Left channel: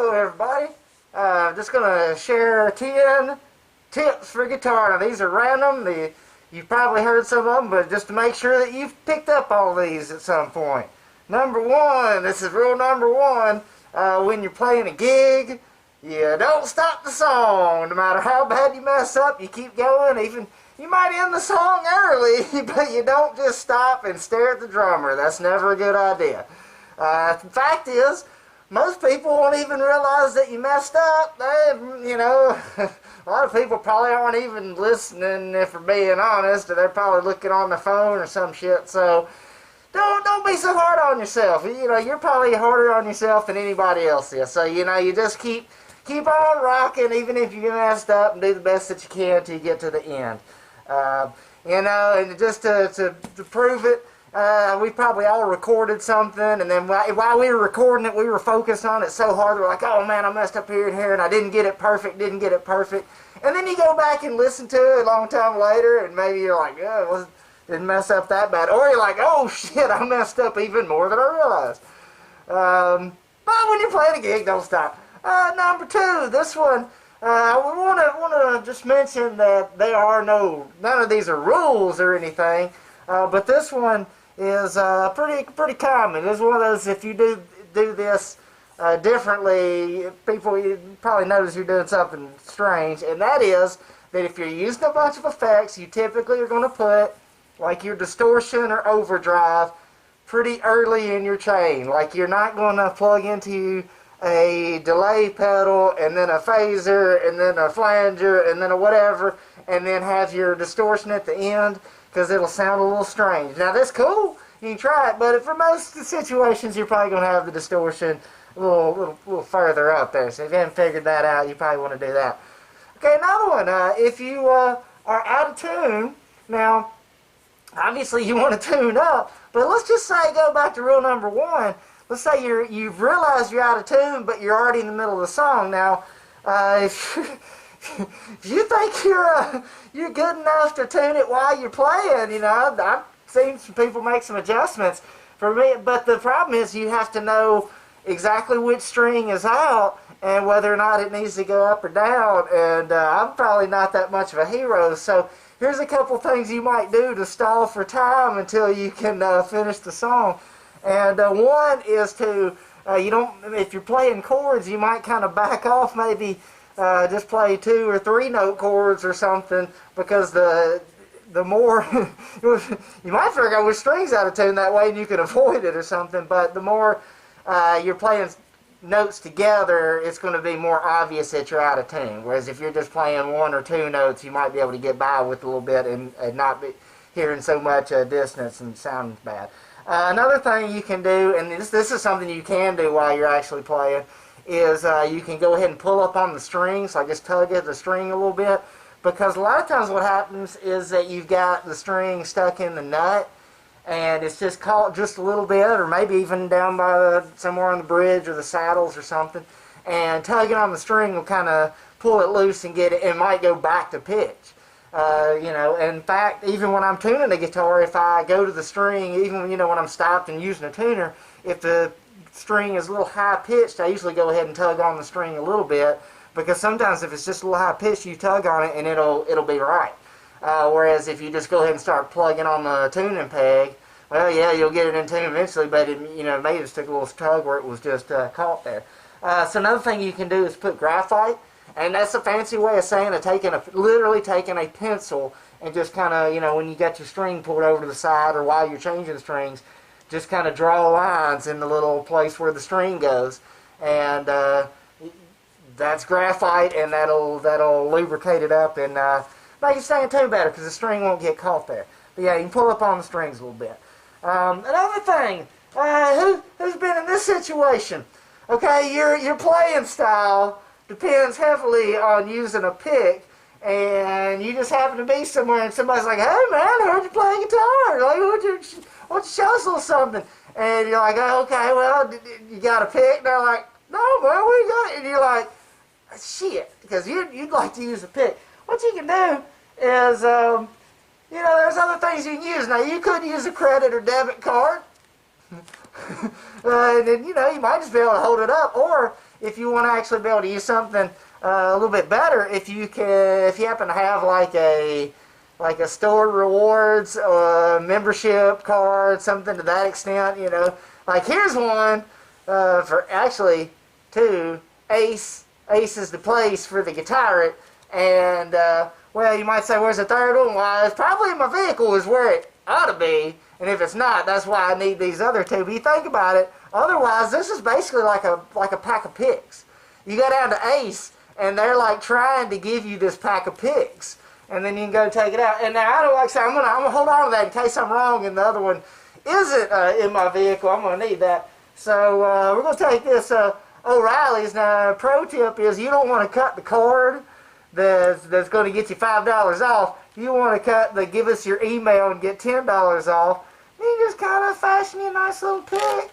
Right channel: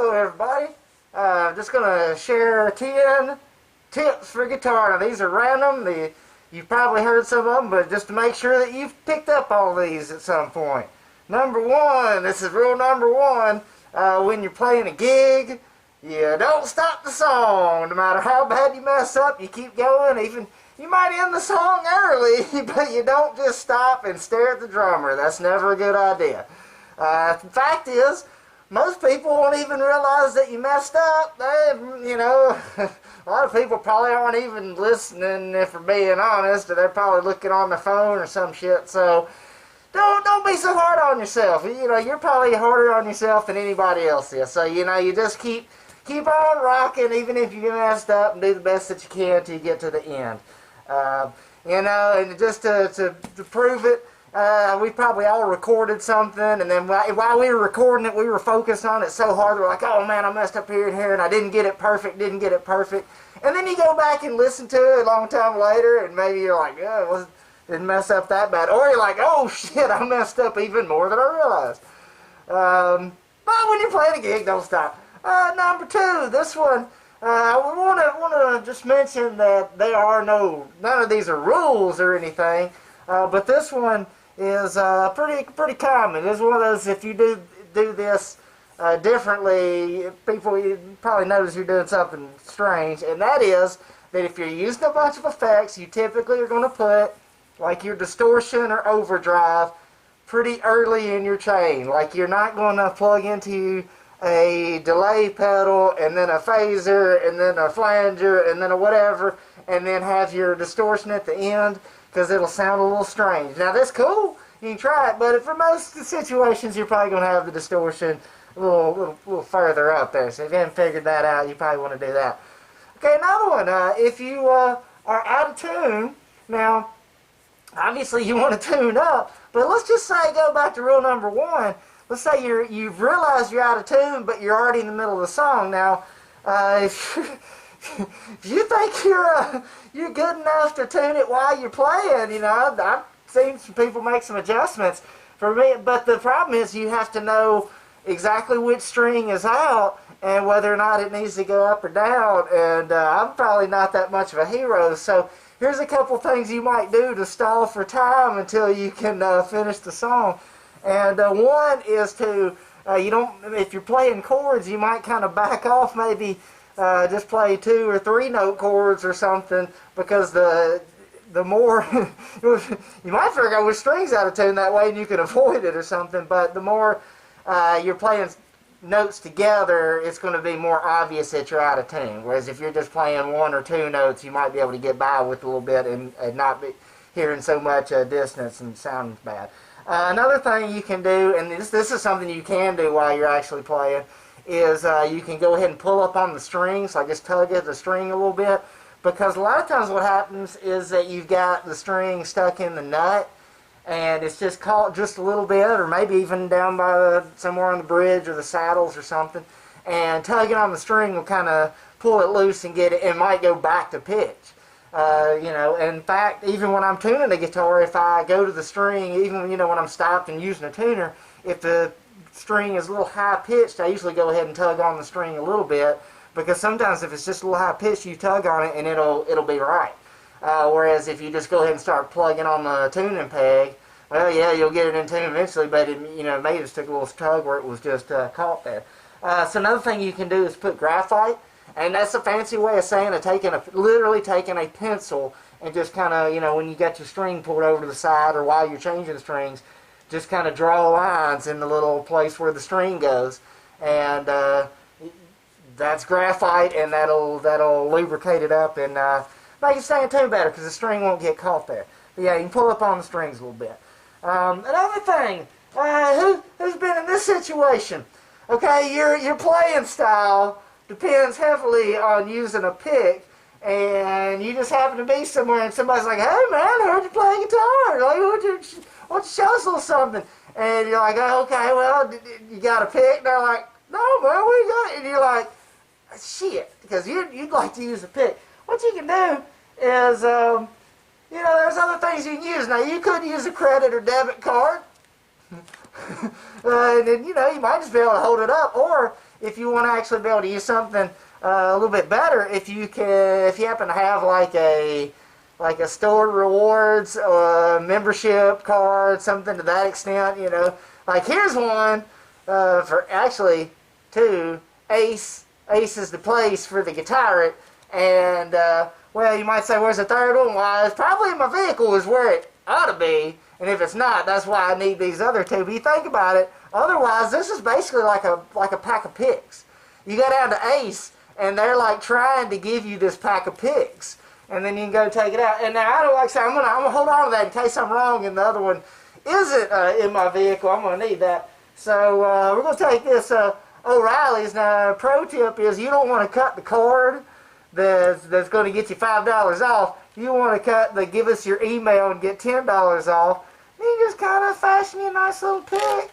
Hello everybody. I'm just going to share 10 tips for guitar. Now these are random. You've probably heard some of them, but just to make sure that you've picked up all these at some point. Number one, this is rule number one. When you're playing a gig, you don't stop the song. No matter how bad you mess up, you keep going. Even you might end the song early, but you don't just stop and stare at the drummer. That's never a good idea. The fact is, most people won't even realize that you messed up. A lot of people probably aren't even listening, if we're being honest, or they're probably looking on the phone or some shit. So don't be so hard on yourself. You're probably harder on yourself than anybody else is. So you just keep on rocking, even if you messed up, and do the best that you can till you get to the end. And just to prove it. We probably all recorded something, and then while we were recording it, we were focused on it so hard, we're like, oh man, I messed up here and here, and I didn't get it perfect. And then you go back and listen to it a long time later, and maybe you're like, yeah, didn't mess up that bad. Or you're like, oh shit, I messed up even more than I realized. But when you're playing a gig, don't stop. Number two, this one, I want to just mention that none of these are rules or anything, but this one is pretty common. It's one of those, if you do this differently, you probably notice you're doing something strange, and that is that if you're using a bunch of effects, you typically are going to put like your distortion or overdrive pretty early in your chain. Like you're not going to plug into a delay pedal and then a phaser and then a flanger and then a whatever and then have your distortion at the end, because it'll sound a little strange. Now that's cool, you can try it, but for most situations you're probably going to have the distortion a little further up there. So if you haven't figured that out, you probably want to do that. Okay, another one, if you are out of tune, now obviously you want to tune up, but let's just say, go back to rule number one. Let's say you've realized you're out of tune, but you're already in the middle of the song. Now, if you think you're good enough to tune it while you're playing, I've seen some people make some adjustments for me, but the problem is you have to know exactly which string is out and whether or not it needs to go up or down, and I'm probably not that much of a hero, so here's a couple things you might do to stall for time until you can finish the song. And one is to, if you're playing chords, you might kind of back off, maybe just play 2 or 3 note chords or something, because the more, you might figure out which string's out of tune that way and you can avoid it or something, but the more you're playing notes together, it's going to be more obvious that you're out of tune. Whereas if you're just playing 1 or 2 notes, you might be able to get by with a little bit and not be hearing so much dissonance and sounding bad. Another thing you can do, and this is something you can do while you're actually playing, is you can go ahead and pull up on the strings, like just tug at the string a little bit, because a lot of times what happens is that you've got the string stuck in the nut, and it's just caught just a little bit, or maybe even down by somewhere on the bridge or the saddles or something, and tugging on the string will kind of pull it loose and get it, and might go back to pitch. In fact, even when I'm tuning the guitar, if I go to the string, even when I'm stopped and using a tuner, if the string is a little high pitched, I usually go ahead and tug on the string a little bit, because sometimes if it's just a little high pitched, you tug on it and it'll be right. Whereas if you just go ahead and start plugging on the tuning peg, well, yeah, you'll get it in tune eventually, but it may just take a little tug where it was just caught there. So another thing you can do is put graphite. And that's a fancy way of saying literally taking a pencil and just kind of, when you got your string pulled over to the side or while you're changing the strings, just kind of draw lines in the little place where the string goes. And that's graphite, and that'll lubricate it up and make it stay in tune better, because the string won't get caught there. But yeah, you can pull up on the strings a little bit. Another thing, who's been in this situation? Okay, your playing style depends heavily on using a pick, and you just happen to be somewhere and somebody's like, hey man, I heard you play guitar, like, why don't you show us a little something? And you're like, oh, okay, well, you got a pick? And they're like, no man, what you got? And you're like, shit, because you'd like to use a pick. What you can do is, there's other things you can use. Now, you could use a credit or debit card. And then, you might just be able to hold it up. Or if you want to actually be able to use something a little bit better, if you happen to have like a store rewards membership card, something to that extent, Like here's one for actually two. Ace is the place for the Guitar-It. And, well, you might say, where's the third one? Well, it's probably in my vehicle is where it ought to be. And if it's not, that's why I need these other two. But you think about it, otherwise, this is basically like a pack of picks. You go down to Ace, and they're like trying to give you this pack of picks. And then you can go take it out. And now, I don't like to say, I'm gonna hold on to that in case I'm wrong and the other one isn't in my vehicle. I'm going to need that. So we're going to take this O'Reilly's. Now, pro tip is you don't want to cut the cord that's going to get you $5 off. You want to give us your email and get $10 off. You just kind of fashion you a nice little pick.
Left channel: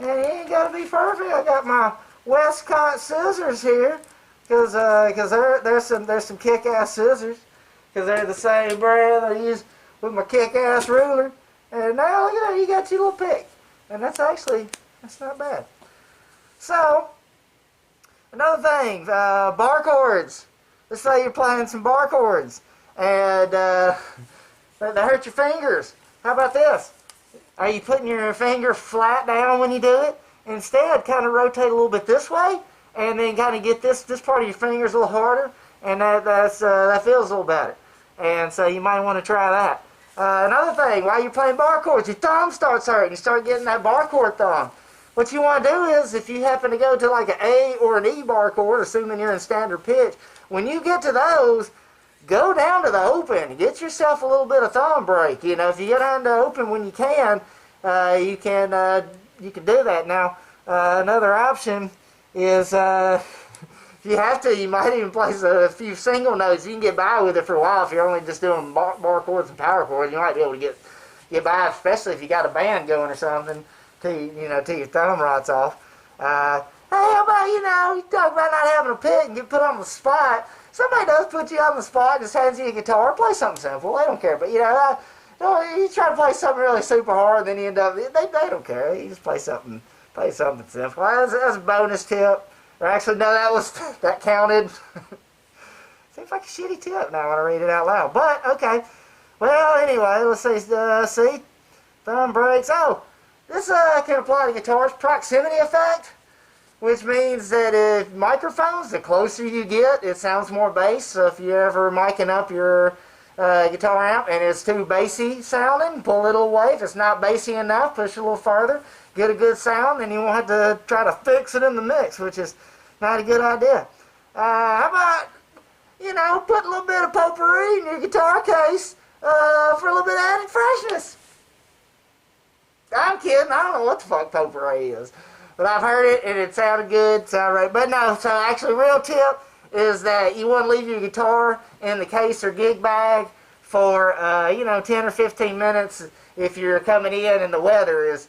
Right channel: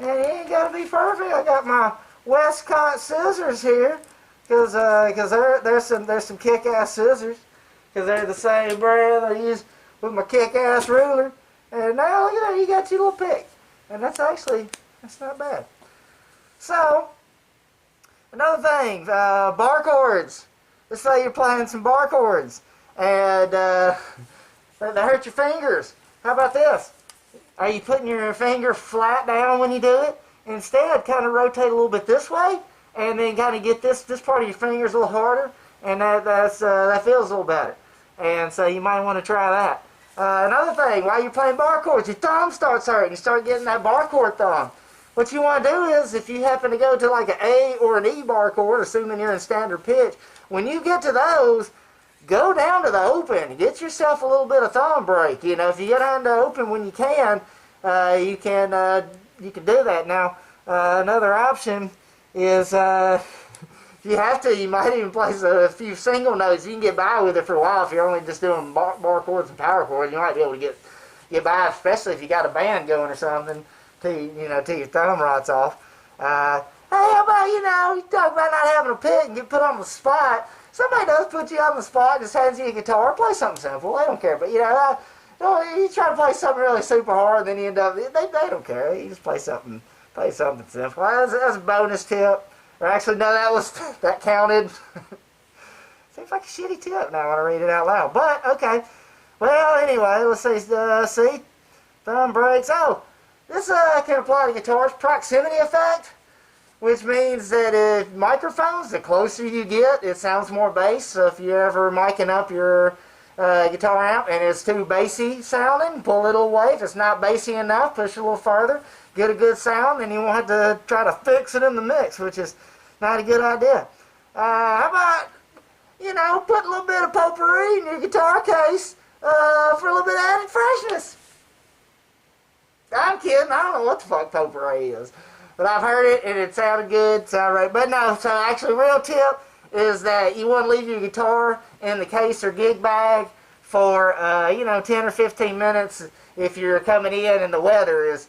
And it ain't got to be perfect. I got my Westcott scissors here because there's some kick-ass scissors because they're the same brand I use with my kick-ass ruler. And now look at that, you got your little pick. And that's not bad. So, another thing, bar chords. Let's say you're playing some bar chords and they hurt your fingers. How about this? Are you putting your finger flat down when you do it? Instead, kind of rotate a little bit this way and then kind of get this part of your fingers a little harder, and that feels a little better. And so you might want to try that. Another thing, while you're playing bar chords, your thumb starts hurting. You start getting that bar chord thumb. What you want to do is, if you happen to go to like an A or an E bar chord, assuming you're in standard pitch, when you get to those, go down to the open. Get yourself a little bit of thumb break. If you get down to open when you can do that. Now, another option is if you have to, you might even play a few single notes. You can get by with it for a while if you're only just doing bar chords and power chords. You might be able to get by, especially if you got a band going or something, till your thumb rots off. Hey, how about, you talk about not having a pick and get put on the spot. Somebody does put you on the spot, just hands you a guitar, play something simple. They don't care. But, you try to play something really super hard, and then you end up, they don't care. You just play something simple. That's a bonus tip. Or actually, no, that counted. Seems like a shitty tip now when I read it out loud. But, okay. Well, anyway, let's see. Thumb breaks. Oh, this can apply to guitars. Proximity effect, which means that if microphones, the closer you get, it sounds more bass. So if you're ever miking up your guitar amp and it's too bassy sounding, pull it away. If it's not bassy enough, push it a little further, get a good sound, and you won't have to try to fix it in the mix, which is not a good idea. How about, put a little bit of potpourri in your guitar case for a little bit of added freshness. I'm kidding. I don't know what the fuck potpourri is. But I've heard it, and it sounded good. Sounded right. But no, so actually, real tip is that you want to leave your guitar in the case or gig bag for, 10 or 15 minutes if you're coming in and the weather is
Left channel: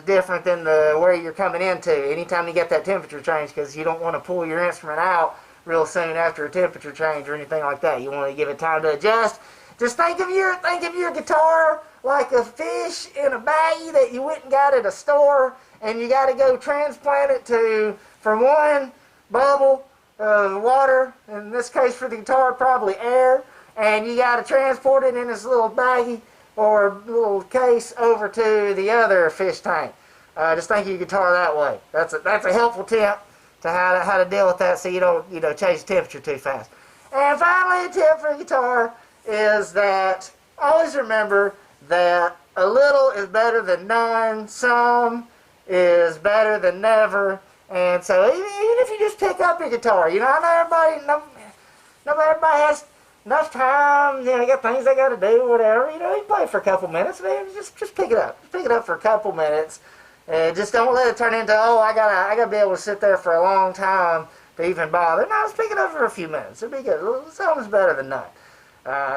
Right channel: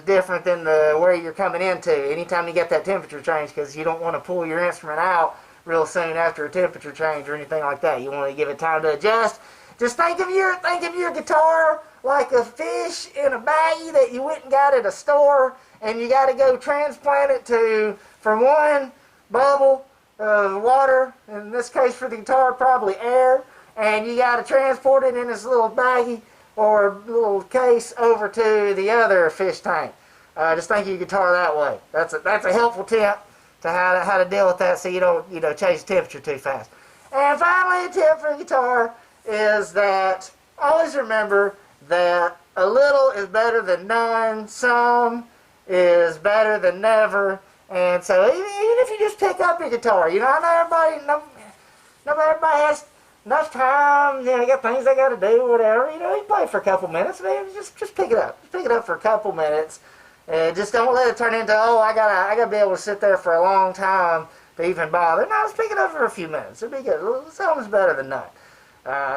different than where you're coming into. Anytime you get that temperature change, because you don't want to pull your instrument out real soon after a temperature change or anything like that. You want to give it time to adjust. Just think of your guitar like a fish in a baggie that you went and got at a store, and you got to go transplant it from one bubble of water, in this case for the guitar, probably air, and you got to transport it in this little baggie or little case over to the other fish tank. Just think of your guitar that way. That's a helpful tip to how to deal with that, so you don't change the temperature too fast. And finally, a tip for a guitar is that always remember that a little is better than none, some is better than never, and so even if you just pick up your guitar, I know everybody has enough time, you got things they got to do, whatever, you play for a couple minutes, man, just pick it up. Just pick it up for a couple minutes, and just don't let it turn into, I gotta be able to sit there for a long time to even bother. No, just pick it up for a few minutes. It'll be good. Something's better than none.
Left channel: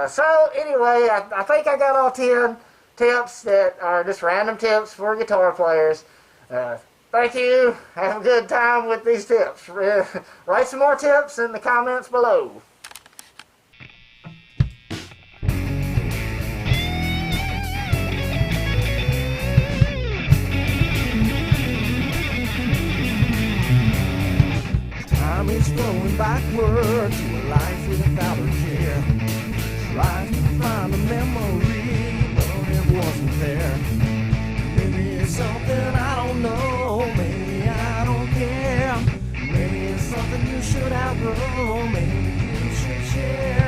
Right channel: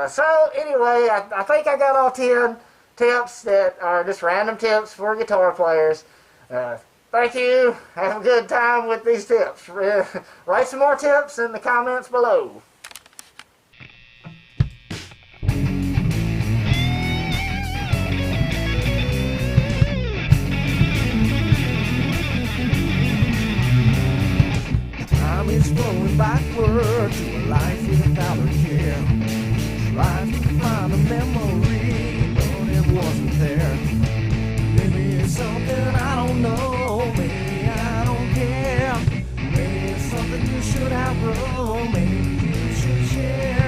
So anyway, I think I got all 10 tips that are just random tips for guitar players. Thank you. Have a good time with these tips. Write some more tips in the comments below. Time is flowing backward to a life without a care. Trying to find a memory, but it wasn't there. Maybe it's something I don't know, maybe I don't care. Maybe it's something you should outgrow, maybe you should share.